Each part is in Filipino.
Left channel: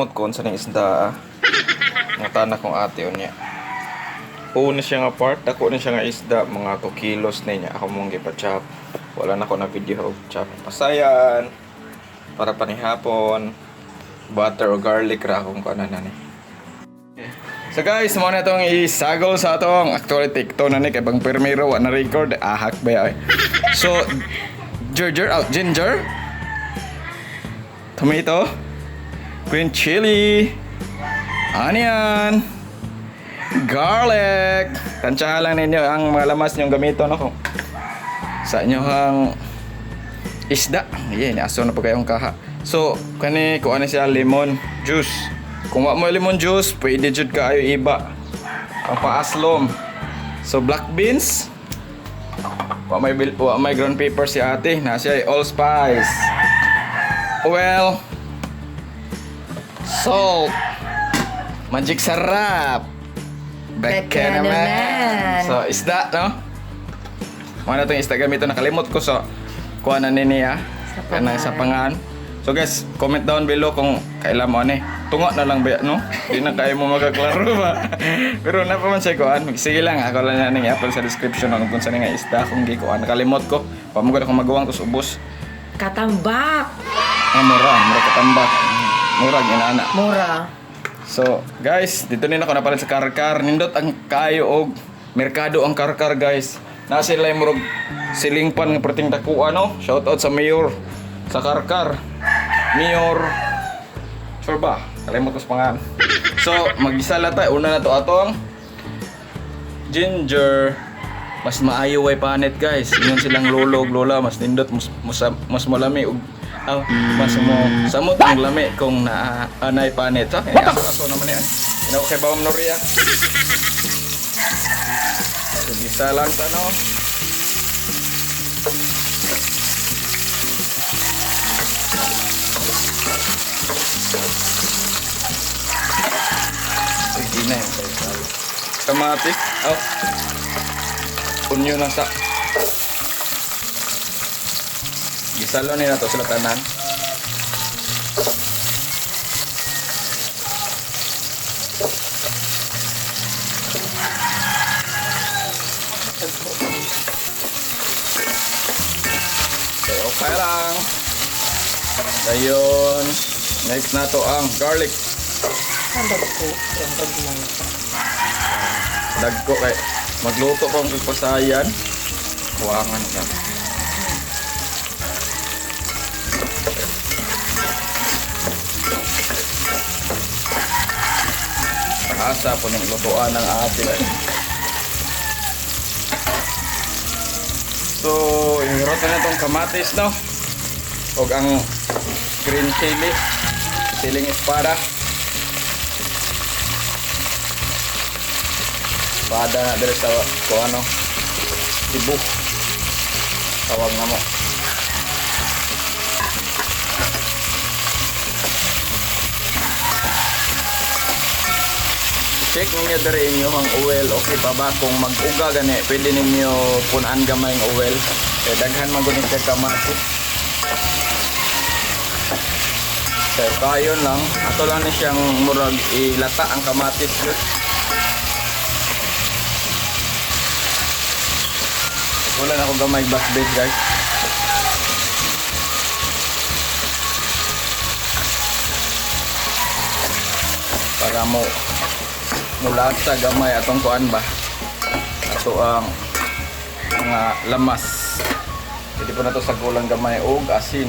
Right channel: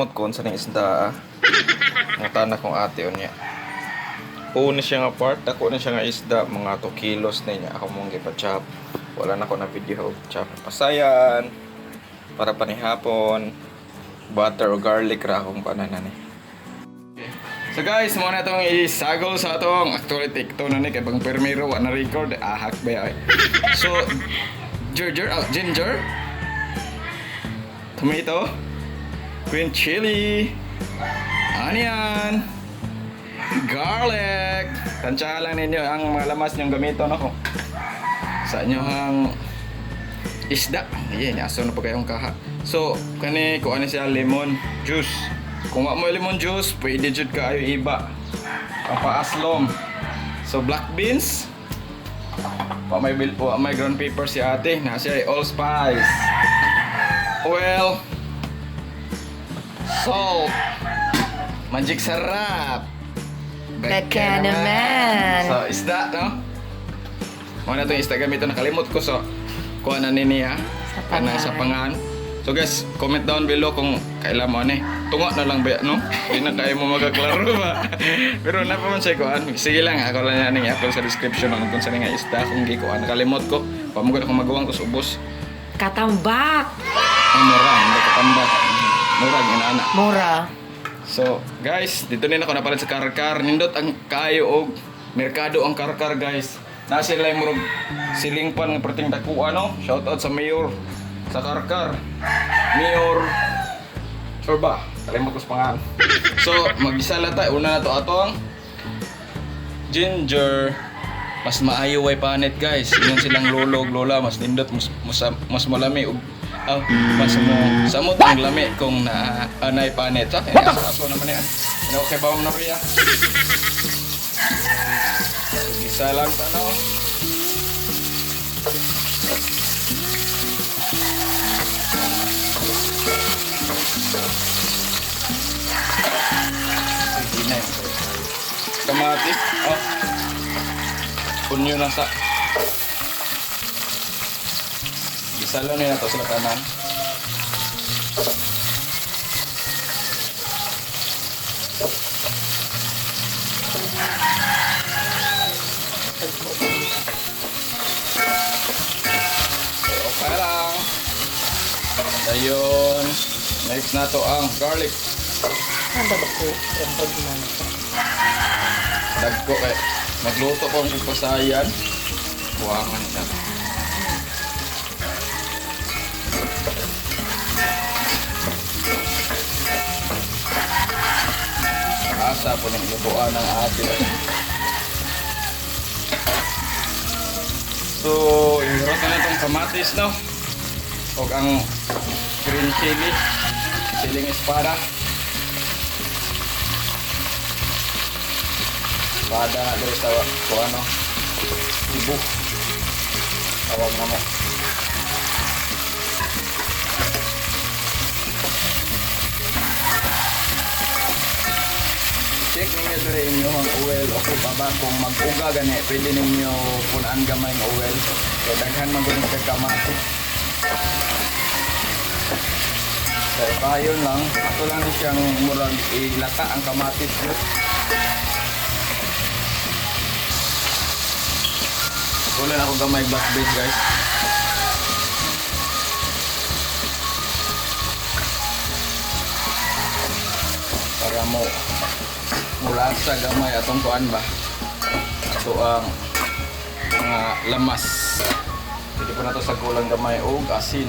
nakalimot ko sa ning isda. Ang tanak kong ate unya. Una siya nga part, ako na siya nga isda, mga 2 kilos na niya. Ako mong gipa-chop. Wala na ko na video chop. Pasayan. Para panihapon. Butter o garlic ra akong kanan na ni. So guys, mo na itong isagol sa atong actually TikTok na ni kay bang permiro wa na record ahak ba ay. So ginger, tomato, green chili, onion, garlic. Tansyahan lang ninyo ang mga lamas nyong gamito no sa inyong isda. Yan, aso na po kayong kaha. So, kani kuha na siya lemon juice. Kung wala mo lemon juice, pwede jud kaayo iba. Pang-paaslom. So, black beans. Wa may ground pepper si ate. Na siya allspice. Oil. Salt. Magic sarap. Beka naman. So, isda, no? Mga na itong isda gamito. Nakalimot ko sa kuha na niya. Sa pangan. So guys, comment down below kung kailan mo ano eh. Tungo na lang ba, no? Hindi na tayo mo magkaklaro ba? Pero na pa man siya kuhan. Sige lang, ako lang na i-upload sa description kung saan nga isda kung gikuhan. Nakalimot ko. Pamugod akong magawang ko sa ubos. Katambak. Mura katambak. Mura, ginana. Mura. So, guys, dito nila ako napalit sa karkar. Nindot ang kayo og merkado ang karkar, guys. Nasa sila yung murag silingpan ng perting dakuan, no? Shoutout sa mayor sa karkar. Mayor Sorba. Kalimot ko sa pangalan. So, mag-isa lang tayo. Una na to atong ginger. Mas maayo way panet, guys. Ingon silang lolo ug lola. Mas nindot, mas malami ug mas mo samot ang lami kung anay panet. Sa aso naman yan. Inaw sa bawang Noria. So, bisa lang tanaw. Hindi na yung kamatis. Punyo na sa gisalo nila to sila tanan. Okay lang. Ayun. Next na to ang garlic. Ang dagko. Ang dagman. Dagko kay magluto ko ang ipasayan. Kuwangan ka. Asa po ng lubuan ng ate. So, inuroto na itong kamatis, no? O ang green chili. Siling espada. Espada na dito sa ano, Cebu. Tawag na mo. Check ninyo dere inyo ang oil. Okay pa ba? Kung mag-uga gani, pwede ninyo punan gamay ng oil. Kaya daghan magunin kay kamatis. So, payon lang. Ito lang ni siyang murag ilata ang kamatis. Wala na akong gamay black beet, guys. Para mo mula sa gamay atong kuan ba. Ato ang mga lamas. Pwede po na to sa gulang gamay o asin.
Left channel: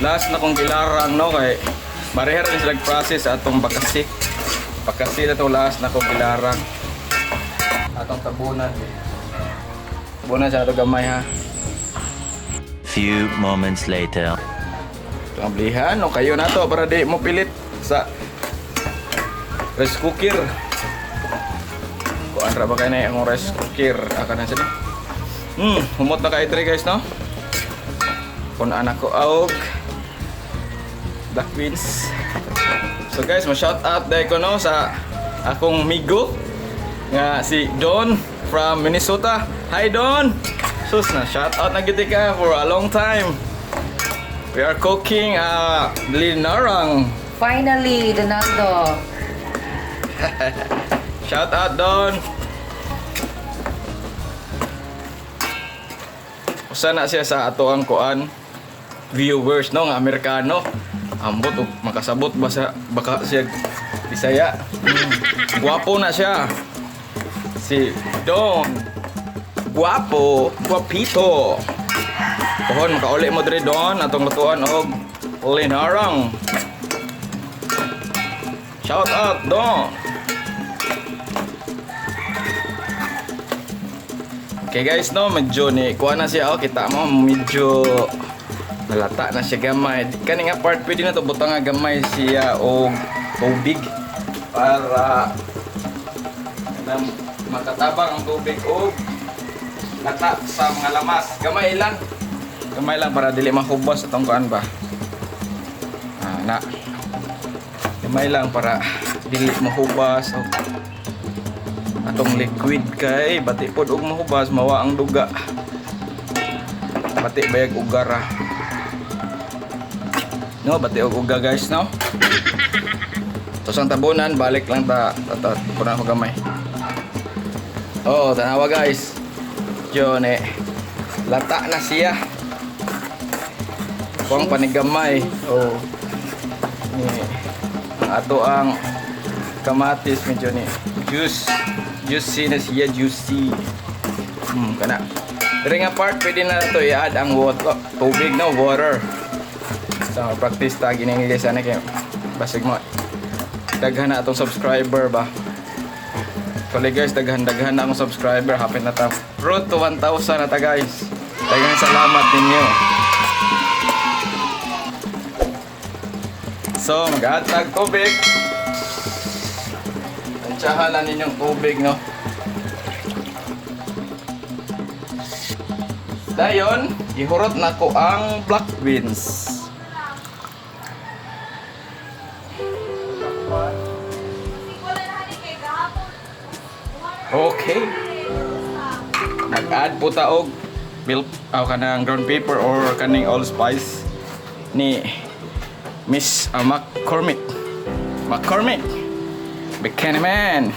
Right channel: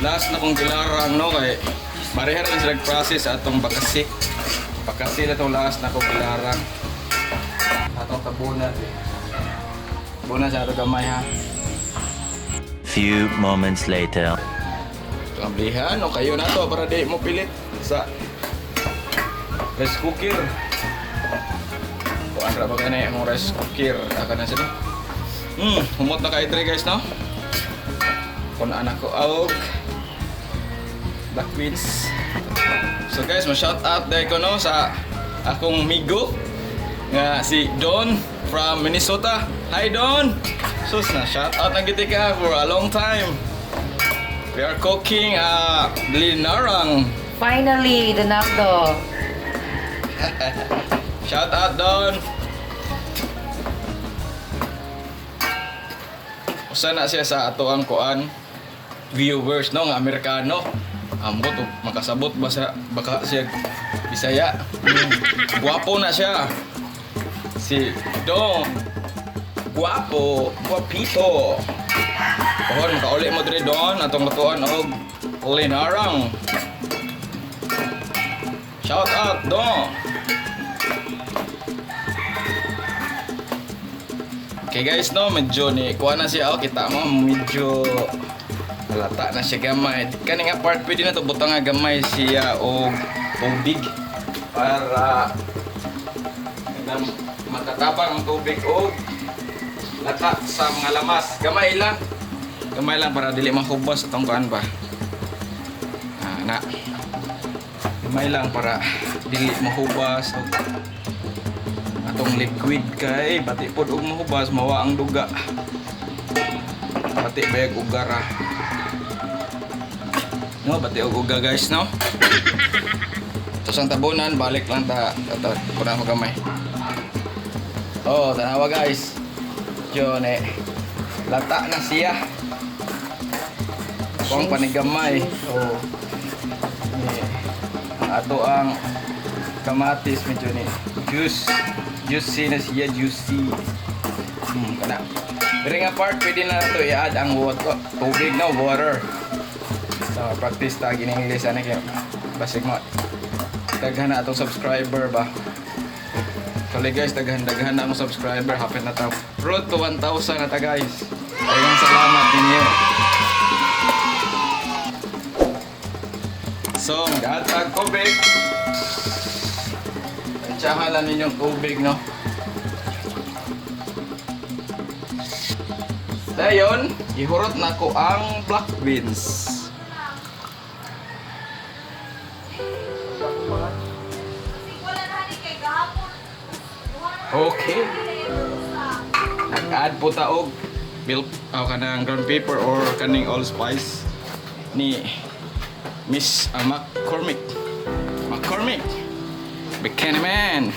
Last na kong gilarang, no, kay marihar rin sila process atong bakasik. Bakasik na itong last na kong gilarang. Atong tabunan. Tabunan sa ato gamay, ha. Few moments later. Kablihan, no, kayo na to para di mo pilit sa rice cooker. Kung ano ba kayo na yung rice cooker, aka na sila. Humot na kayo guys, no? Kung anak ko, black beans. So So guys, ma-shout out dahil ko no sa akong migo nga si Don from Minnesota. Hi Don! Sus na, shout out na kita ka for a long time. We are cooking linarang. Finally, Donato. Shout out Don! Usa na siya sa ato ang kuan viewers no nga Amerikano. Ambot og makasabot ba sa baka siya Bisaya. Guwapo na siya. Si Don. Guwapo, guwapito. Pohon kauli mo diri Don atong lutuan og linarang. Shout out Don. Okay guys no, medyo ni kuha na siya kita mo medyo nalata na siya gamay. Kani nga part pwede na to butang nga gamay siya og tubig para makatabang ang tubig og lata sa mga lamas. Gamay lang para dili mahubas atong kuan ba. Na. Gamay lang para dili mahubas og atong liquid kay bati pod og mahubas mawa ang duga. Bati bayag og gara. No, bati og uga guys no. Tapos ang tabunan balik lang ta puna ko gamay. Oh, tanawa guys. Diyon lata na siya. Kung panigamay. Oh. Ato ang kamatis medyo ni juicy na siya, juicy. Kana. Pero nga part pwede na to i-add ang water, tubig no, water. Sa practice tag in English ano kay basig mo. Daghan na atong subscriber ba. Kali guys, daghan na ang subscriber, hapit na ta. Road to 1,000 na ta guys. Daghang salamat ninyo. So, mag-add tubig. Tsahan na ninyong tubig, no? Dayon, ihurot na ko ang black beans. Okay. Nag-add po taog milk kanang ground pepper or kaning allspice ni Miss McCormick. Buchanan.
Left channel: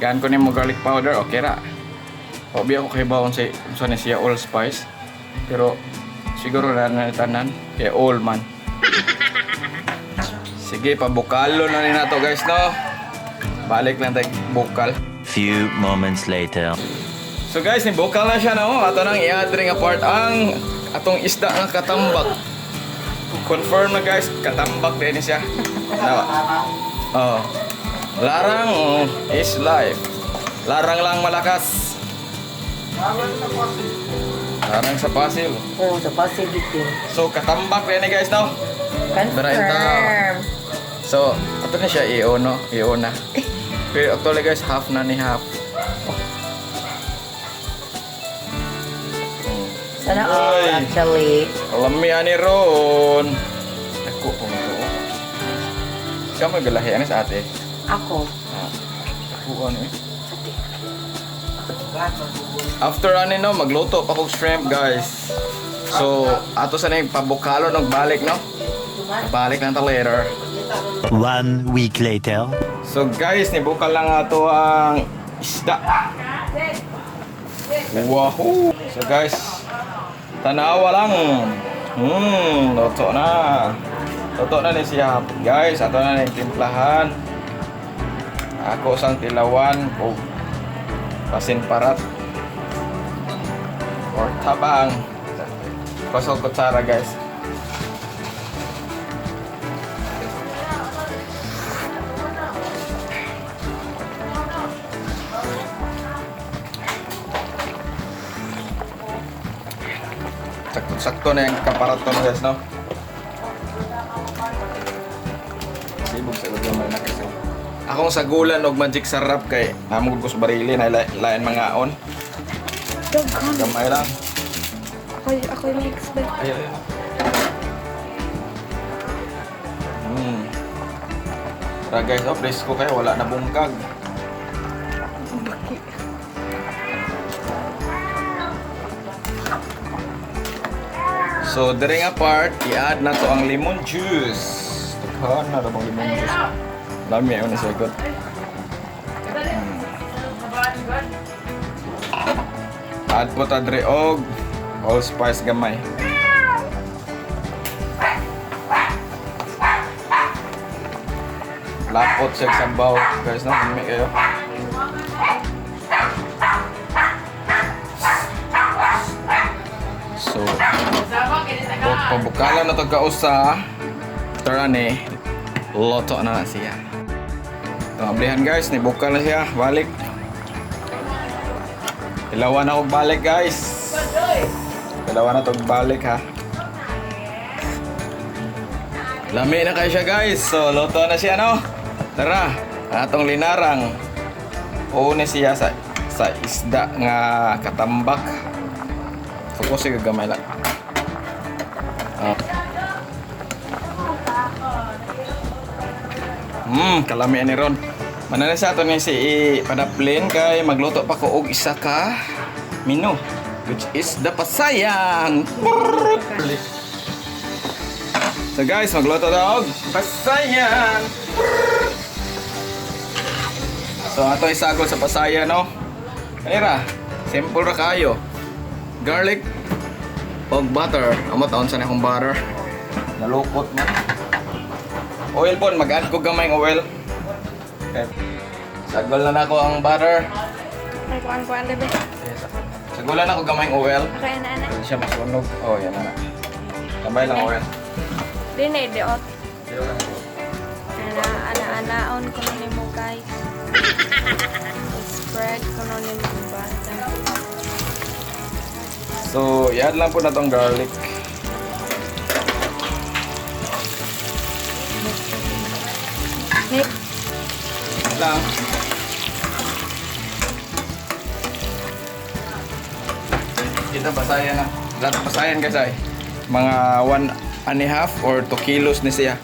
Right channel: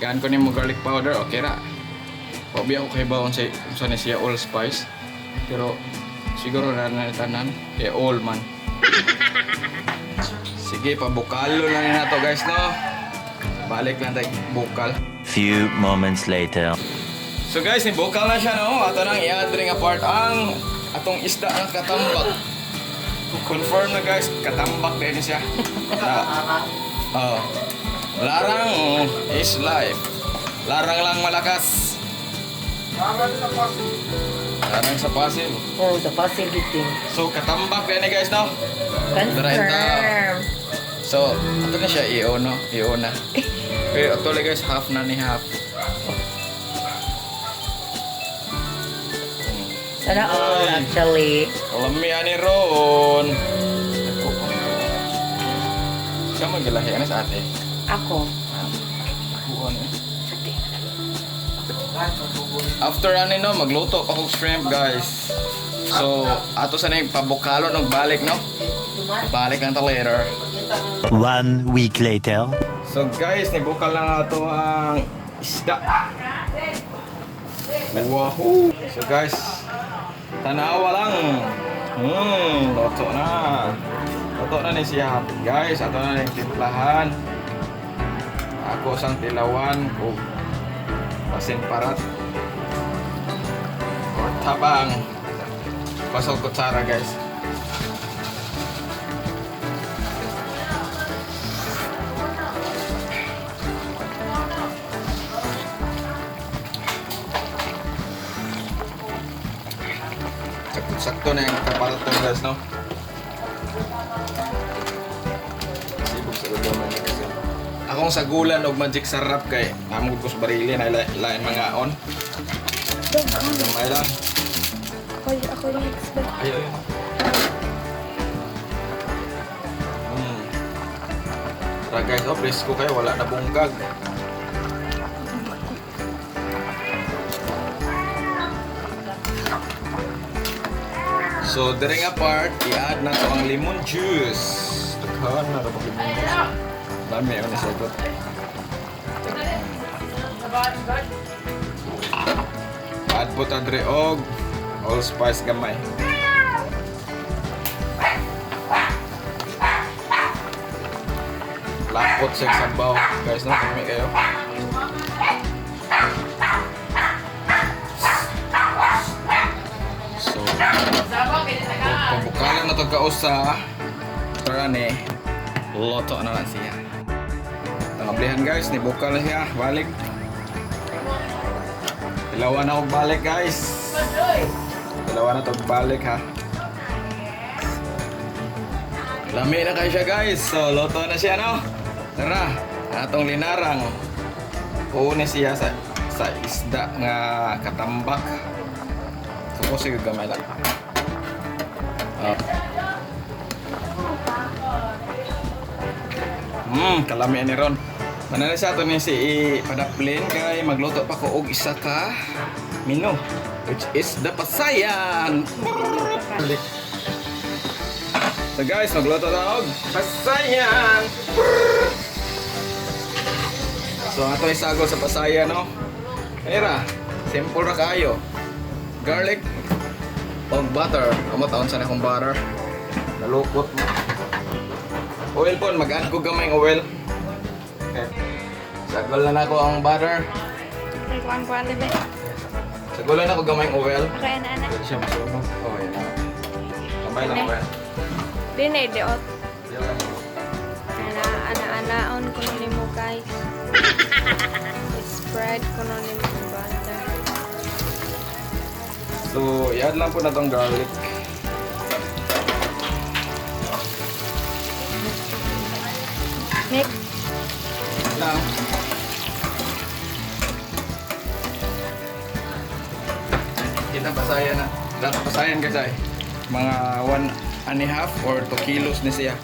Gaan ko nimo garlic powder, okay ra. Obi ako kay bawon sa ni siya allspice. Pero siguro na tanan kay all man. Sige, pabukalo na rin nato guys no. Balik lang tayo bukal. Few moments later. So guys, ni bukal na siya no. Ato nang i-add rin nga part ang atong isda ang katambak. Confirm na guys, katambak din siya. Larang is life. Larang lang malakas. Larang sa passive. Oh, the possibility. So katambak din guys no. Confirm. So, ato na siya i-o no, i-o na. Pero actually guys, half na ni half. Sana all Ay. actually. Alam mo yan ni Ron. Ako kung to. Siya may bilahian sa ate. Ako. Ako ano. After ano no, magluto pa kong shrimp guys. So, ato sa na yung pabukalo ng balik no. Balik lang ta later. 1 week later. So guys, nibukal lang ato ang isda. Wahoo! So guys, tanawa lang. Luto na. Luto na ni siya. Guys, ato na yung timplahan. Ako sang tilawan o pasin parat. Or tabang. Pasok kutsara guys. Sakto na yung kaparaton guys, no? Sibog sa ulo na kasi. Akong sagulan og magic sarap kay namog ko sa barili na lain mga on. Gamay lang. Ako yung expect. Tara guys, oh, presko kayo, wala na bungkag. So, during apart, i-add na to ang lemon juice. Tuhan na lemon juice. Dami yun na sagot. Add po ta dre og allspice gamay. Lapot sa sambaw. Guys, no? Gamay kayo. So, pagbukalan na to kausa. Tara ni, loto na siya. Tangablihan guys, nibukal na siya. Balik. Ilawan na og balik guys. Ilawan na to balik ha. Lami na kayo siya guys. So, loto na siya no. Tara, atong linarang. Una siya sa isda nga katambak. Focus siya gamay lang. Oh. Kalami ni Ron. Manala sa ato ni si padaplin kay magluto pa ko og isa ka menu which is the pasayan. So guys, magluto daw og pasayan. So ato isagol sa pasayan no. Kanira, simple ra kayo. Garlic og butter. Amo taon sa akong butter. Nalukot mo. Oil po, mag-add ko gamay ng oil. Okay. Sagulan ako ang butter. Ay, kuan-kuan lebe. Sagulan ako gamay ng oil. Kaya na na. Hindi siya masunog. Oh, yan na. Gamay lang oil. Di na idiot. Ana-anaon ko nun mo guys. Spread ko nun mo butter. So, i-add lang po na itong garlic. Nick, Lang. Kita pasayan na. Lahat pasayan guys ay. Mga 1.5 or 2 kilos na siya.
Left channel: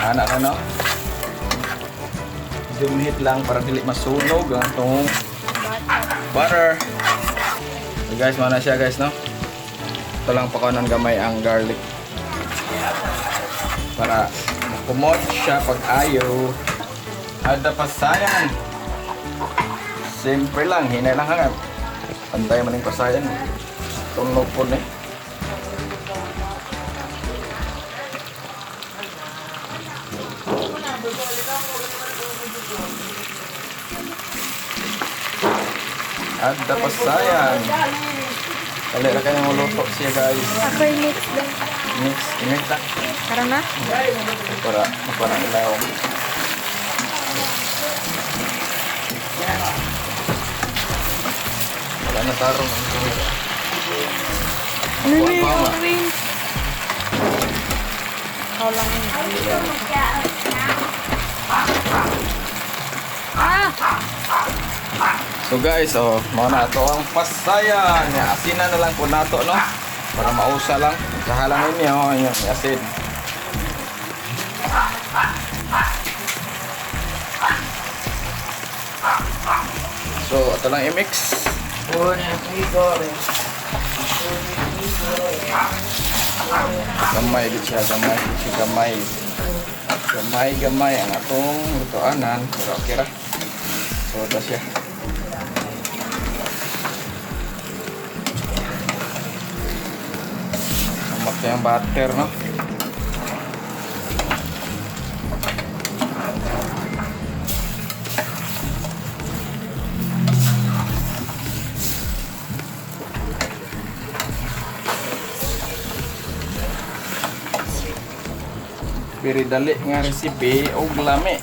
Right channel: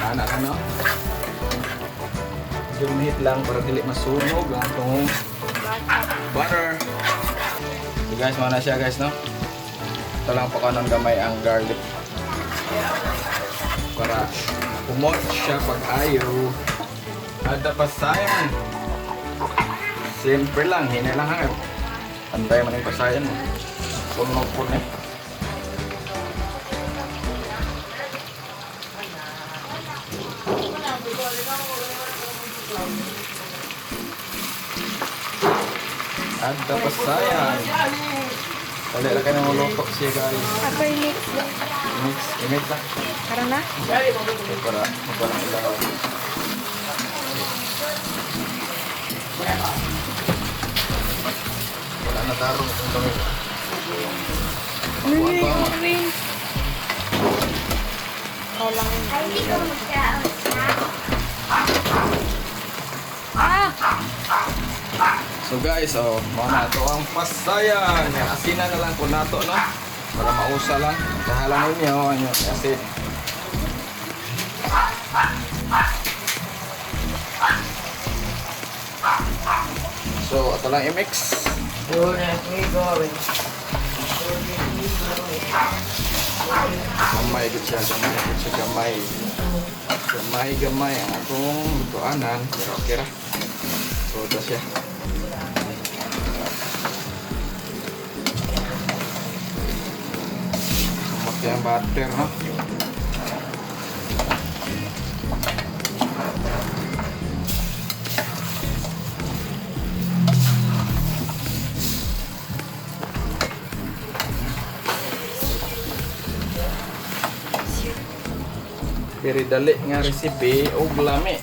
Anak ko no? Dumhit lang para dili masunog ang itong butter. So guys, mana siya guys no? Ito lang pa ng gamay ang garlic. Para kumot siya pag ayaw. Ada pasayan. Simple lang, hinay lang hangat. Panday mo ng pasayan. Tunog po na. Ada pasayan. Ulit lang kanyang uloko siya guys. ako yung mix lang. Mix lang. Karon na? Para makuha ilaw. Ano taro? Ano na yung orange? Ikaw lang yung Ah! So guys, oh, mga na ito ang pasayan. Asinan na lang po na ito, no? Para mausa lang. Kahalangan niya, oh, yan, asin. So, ito lang i-mix. Gamay din siya, gamay. Gamay ang atong lutoanan. Kira-kira. So, ito siya. Sumak yung butter, no? Very dali nga recipe og lami.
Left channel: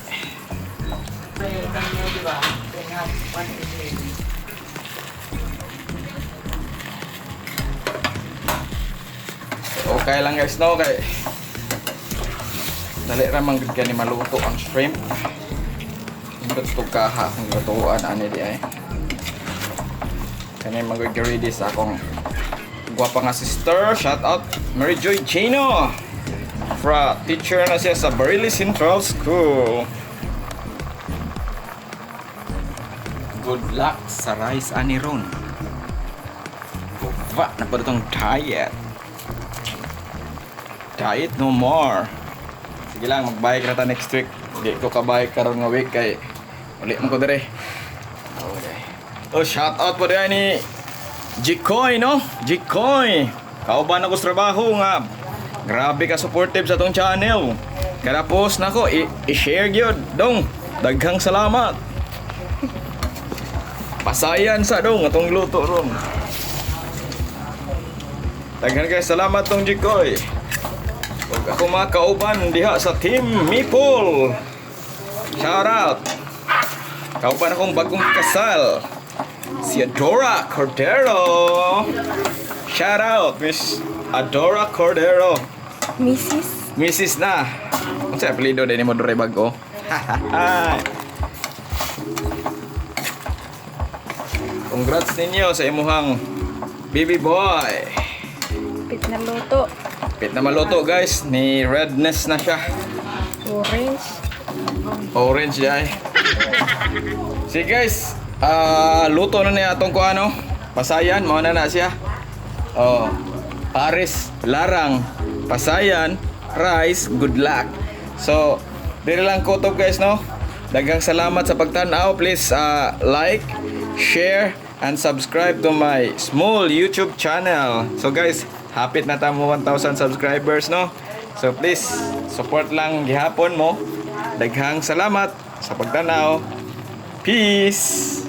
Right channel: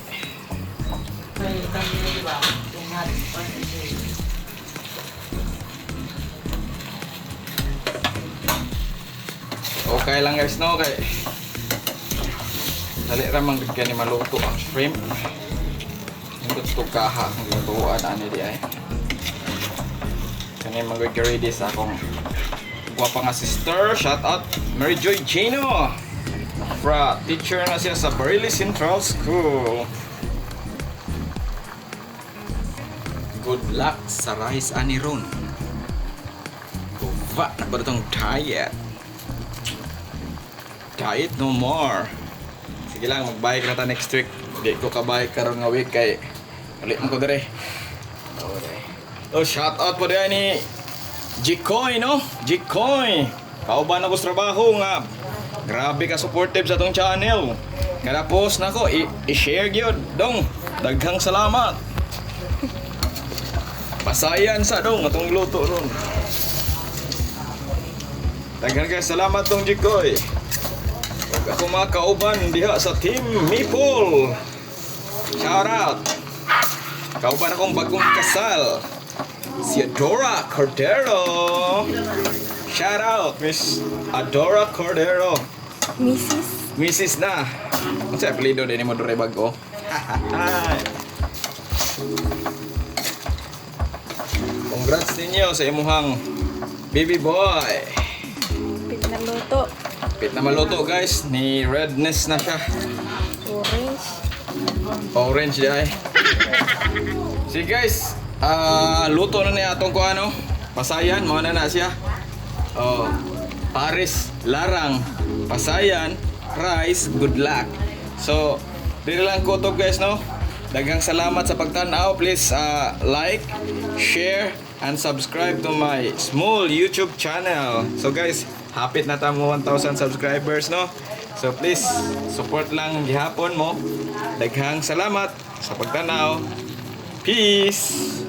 Okay lang guys no kay dali ra man gud kani maluto ang shrimp. Gusto kaha ang lutuan ani di ay. Kani mag-ready sa akong gwapa nga sister. Shout out Mary Joy Chino. Teacher na siya sa Bareilles Central School. Good luck sa rice ani ron. Kuva na pa itong diet. Diet no more. Sige lang, mag-bike na ta next week. Hindi ko ka-bike karon nga week kay ulit mo ko dire. Oh, shout out po din ni Jikoy, no? Jikoy. Kauban ako sa trabaho nga. Grabe ka supportive sa tong channel. Kada post na ko, i-share gyud dong. Daghang salamat. Pasayan sa dong atong luto ron. Daghang kay salamat tong Jikoy. Ako mga kauban diha sa Team Meeple. Shout out. Kauban akong bagong kasal. Si Adora Cordero. Shout out, Miss Adora Cordero. Mrs. na. Ano sa apelido din mo dure bago? Congrats ninyo sa imuhang baby boy. Pit na luto. Pit na maluto guys, ni redness na siya. Orange. Orange dai. Sige guys, luto na niya atong kuano. Pasayan, mao na siya. Oh, Paris, larang. Pasayan, rice, good luck. So, dili lang ko to guys, no? Daghang salamat sa pagtanaw. Please like, share, and subscribe to my small YouTube channel. So guys, hapit na tamo 1,000 subscribers, no? So please, support lang gihapon mo. Daghang salamat sa pagtanaw. Peace!